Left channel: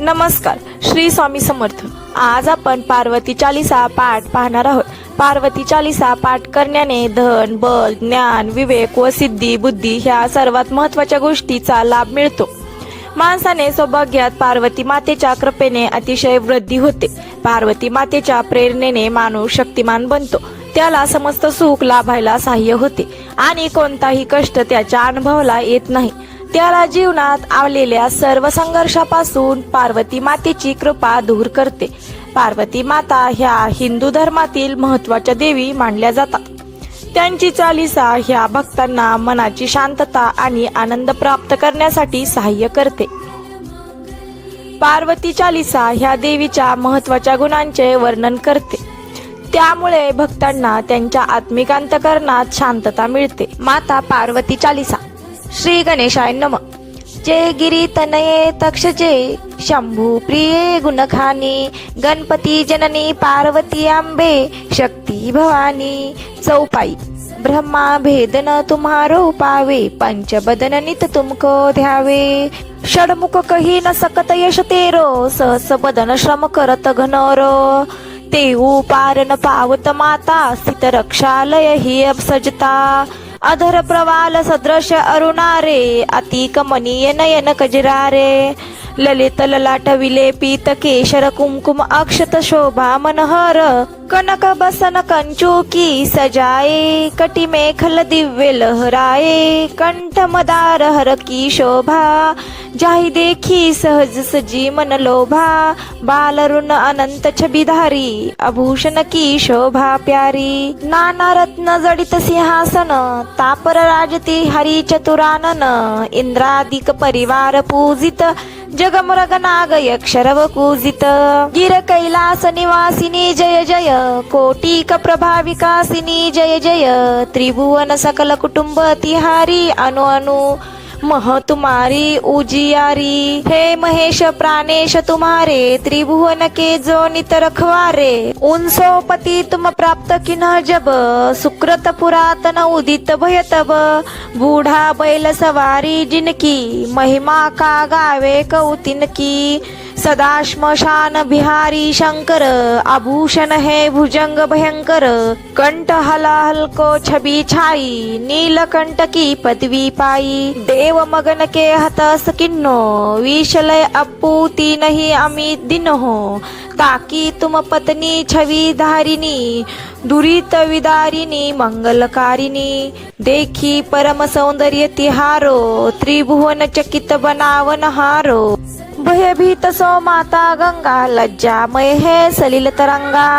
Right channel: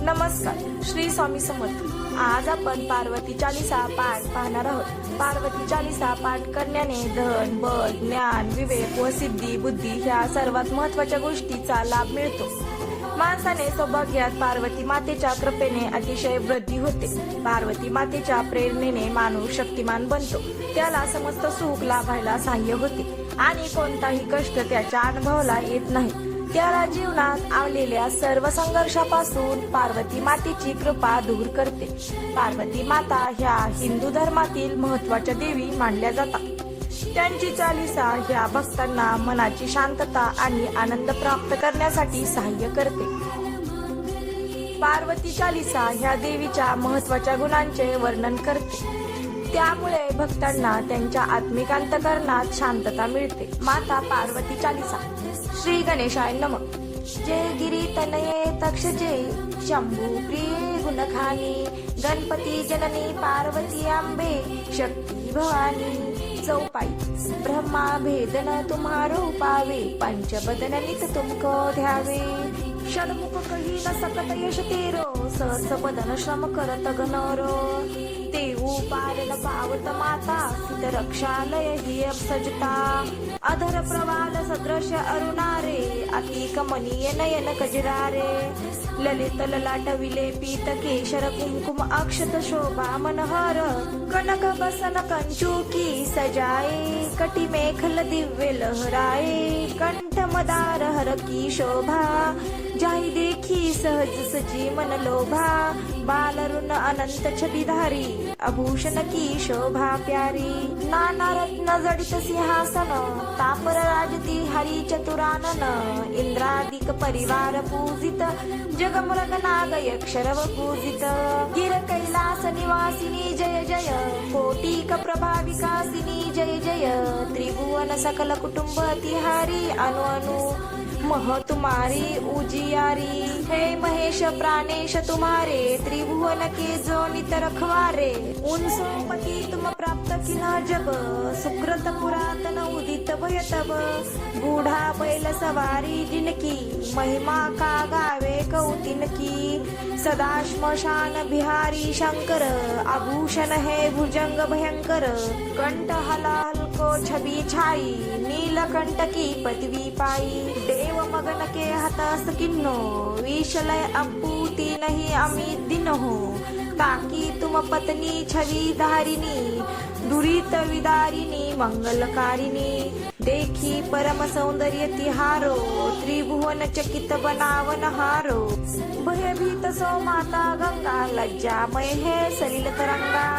नमस्कार श्री स्वामी समर्थ. आज आपण पार्वती चालिसा पाठ पाहणार आहोत. पार्वती चालिसा पाठ करण्याने धन बल ज्ञान विवेक व सिद्धी बुद्धी ह्या सर्वात महत्त्वाच्या गोष्टीचा लाभ मिळतो. माणसाने सौभाग्यात पार्वती मातेच्या कृपेने अतिशय वृद्धी होते. पार्वती मातेच्या प्रेरणेने माणूस शक्तिमान बनतो. त्याला समस्त सुख लाभायला सहाय्य होते. आणि कोणताही कष्ट त्याच्या अनुभवाला येत नाही. त्याला जीवनात आलेल्या सर्व संघर्षापासून पार्वती मातेची कृपा दूर करते. पार्वती माता ह्या हिंदू धर्मातील महत्त्वाच्या देवी मानल्या जातात. त्यांची चालिसा ह्या भक्तांना मनाची शांतता आणि आनंद प्राप्त करण्यासाठी सहाय्य करते. पार्वती चालिसा ह्या देवीच्या महत्त्वाच्या गुणांचे वर्णन करते. त्यामुळे भक्तांना त्यांच्या आत्मिक अंतकरणात शांतता मिळते. माता पार्वती चालिसा. श्री गणेशाय नम जय गिरी तनये तक्षजे शंभू प्रिये गुणखानी गणपती जननी पार्वती आंबे शक्ती भवानी चौपाई ब्रह्मा भेदन तुम्हारो पावे पंचबदन नित तुमको ध्यावे षडमुख कही न सकत यश तेरो सहस बदन श्रम करत घनोरो तेऊ पार न पावत माता स्थित रक्षालय ही सजता अधर प्रवाल सदृश अरुणारे अतिकमनीय नयन कजरारे। ललित ललाट विलेपित केशर कुमकुम अक्षत शोभा मनहर। कनक बसन कंचुकी सजाए कटी मेखल दिव्य लहराए कंठ मदार हर की शोभा जाही देखी सहज सजी मन लोभा बालरुण अनंत छबिधारी आभूषण की शोभा प्यारी। नाना रत्न जडित सिंहासन तापर राजती हरी चतुरानन इंद्रादिक परिवार पूजित जगमरग नाग यक्षरव पूजित गिर कैलास निवासिनी जय जय कोटिक प्रभाविकासिनी जय जय। त्रिभुवन सकल कुटुंब तिहारी अनु अनु। मह तुम्हारी उजियारी। हे महेश प्राणेश तुम्हारे त्रिभुवन के जो नित रखवारे उनसोपती तुम प्राप्त किन जब सुकृत पुरातन उदित भय तब। बूढ़ा बैल सवारी जिनकी महिमा का गावे कौतिन की सदा श्मशान बिहारी शंकर आभूषण है भुजंग भयंकर कंठ हला हलको छबी छाई नीलकंठ की पदवी पाई। देव मगन के हतस किन्नो विषलय अपूती नहीं अमित दिन। हो ताकि तुम पत्नी छवी धारिणी दुरित विदारिणी मंगलकारिणी. देखी परम सौंदर्य तिहारो त्रिभुवन चकित बनावन हारो. भयभीत सो माता गंगा लज्जामय है सलिल तरंगा.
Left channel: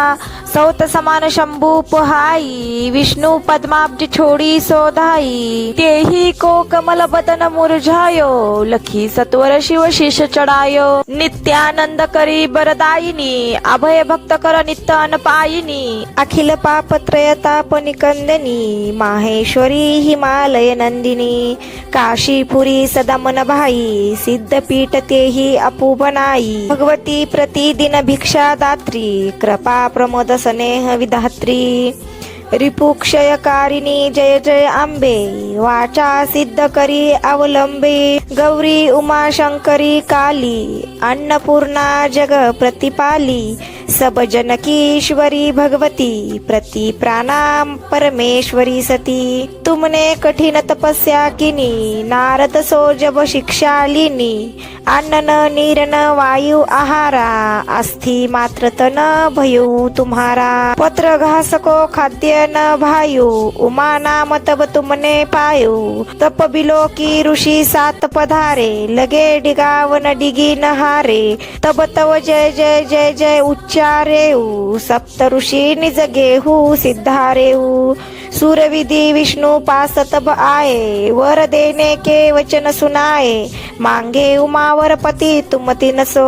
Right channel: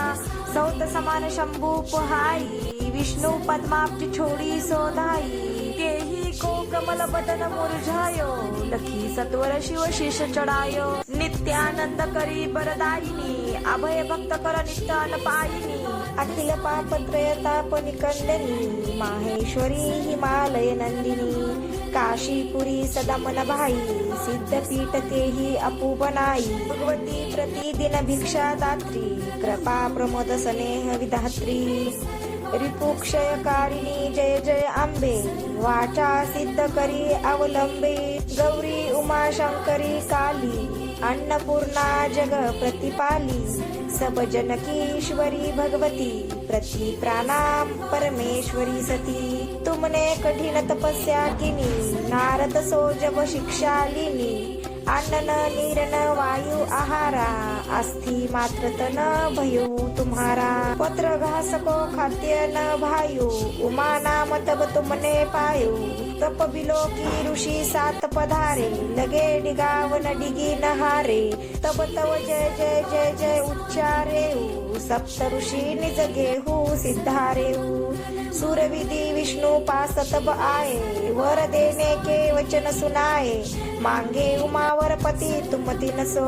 सौत समान शंभू पुहाई विष्णु पद्माब्ज छोड़ी सोधाई तेही को कमल बदन मुरझायो लखी सत्वर शिव शिष चढ़ायो. नित्यानंद करी बरदायिनी अभय भक्त कर नित्य अनपायिनी अखिल पाप त्रयताप निकंदनी माहेश्वरी हिमालय नंदिनी काशीपुरी सदा मन भाई सिद्धपीठ तेही अपूपनाई भगवती प्रतिदिन भिक्षा दात्री कृपा प्रमोद स्नेह विधात्री रिपुक्षयकारिणी जय जय आंबे। वाचा सिद्ध करी अवलंबे। गौरी उमा शंकरी काली। अन्नपूर्णा जग प्रतिपाली सब जनकीश्वरी भगवती प्रति प्राणाम परमेश्वरी सती। तुमने कठिन तपस्या किनी नारद सो जब शिक्षालिनी अन्न नीरन वायु आहारा अस्थि मात्र तन भयु तुम्हारा। पत्र घास को खाद्य न भायु उमा नाम तब तुमने पायु। तप बिलो की ऋषि सात पधारे लगे डिगावन डिगी हारे तब तव जय जय जय जय उच्च उच्चारेऊ सप्त ऋषि निज गेहू सिद्धारेऊ सूरविधी विष्णु पास तब वर देने के वचन सुनाए मांगे उमावर पति तुम तिनसो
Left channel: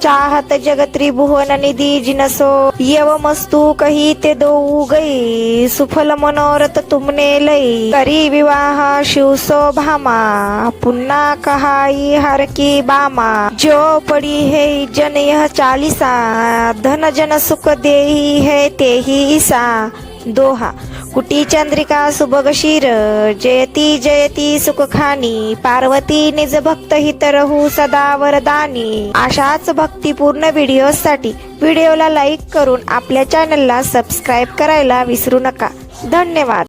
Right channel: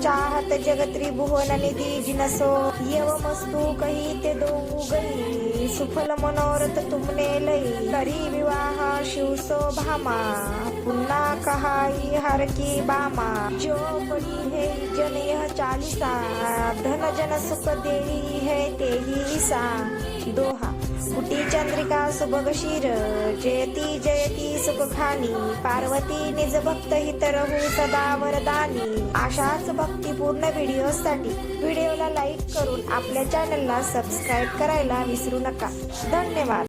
चाहत जगत त्रिभुवन निधि जिनसो यवमस्तु कही ते दो गई सुफल मनोरथ तुमने लई. करी विवाह शिव सो भामा पुन्हा कहाई हर की बामा. जो पड़ी है जन यह चालीसा धन जन सुख देही है तेही ईसा. दोहा कुटी चंद्रिका सुबगशीर जयती जयती सुखखानी पार्वती निज भक्त हित रहू सदा वरदानी. अशाच भक्तिपूर्ण व्हिडिओसाठी व्हिडिओला लाईक करून आपल्या चॅनलला सबस्क्राईब करायला विसरू नका. धन्यवाद.